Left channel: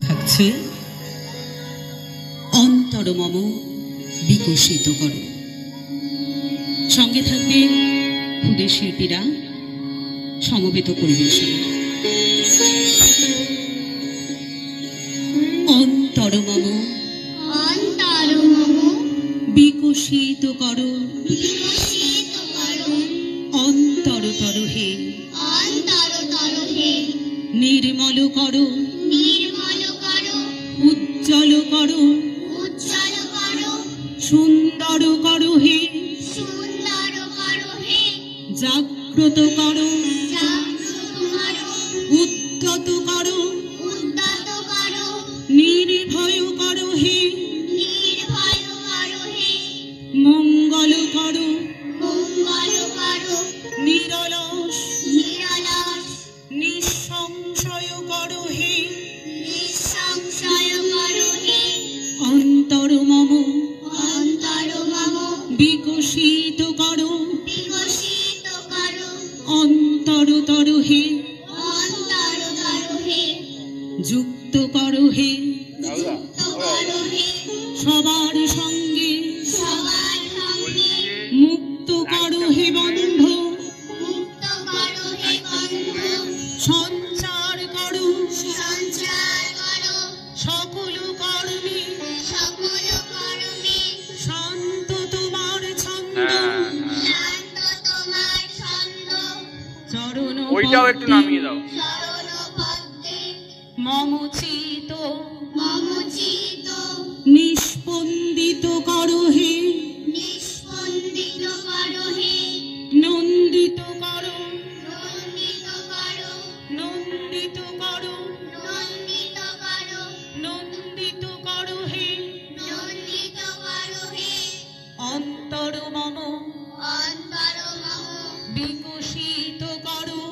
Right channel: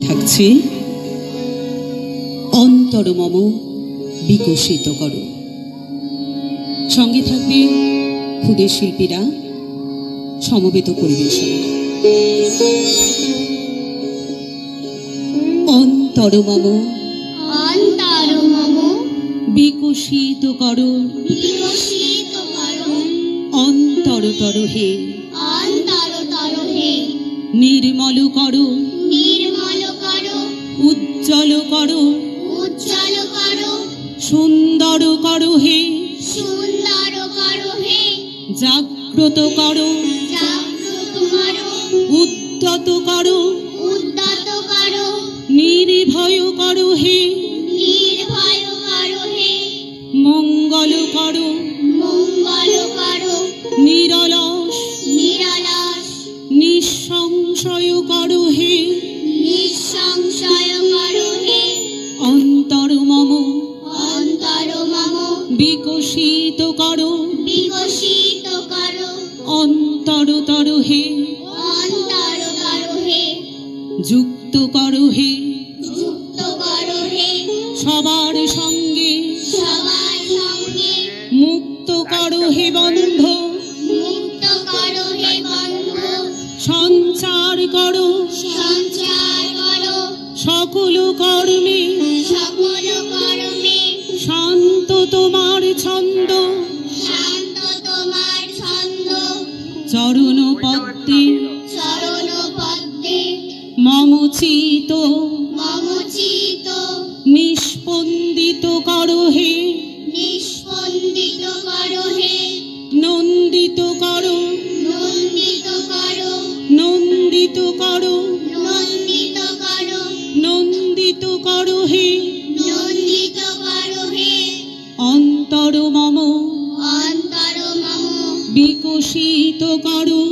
থাকছে অন্তর মম বিকশিত করো। সঙ্গে থাকবে ক্ষুদে শিল্পীরা সমবেত পরিবেশন। অন্তর মম বিকশিত করো, অন্তরতর হে নির্মল করো, উজ্জ্বল করো, সুন্দর করো হে, জাগ্রত করো, উদ্যত করো, নির্ভয় করো হে, মঙ্গল করো, নিরলস নিঃসংশয় করো হে, অন্তর মম বিকশিত করো, অন্তরতর হে যুক্ত করো হে, সবার সঙ্গে মুক্ত করো হে বন্ধ, সঞ্চার করো সকল কর্মে, শান্ত তোমার ছন্দ, চরণ পদ্মে মম চিত নিস্পন্দিত করো হে, নন্দিত করো, নন্দিত করো, নন্দিত করো হে, অন্তর মম বিকশিত করো,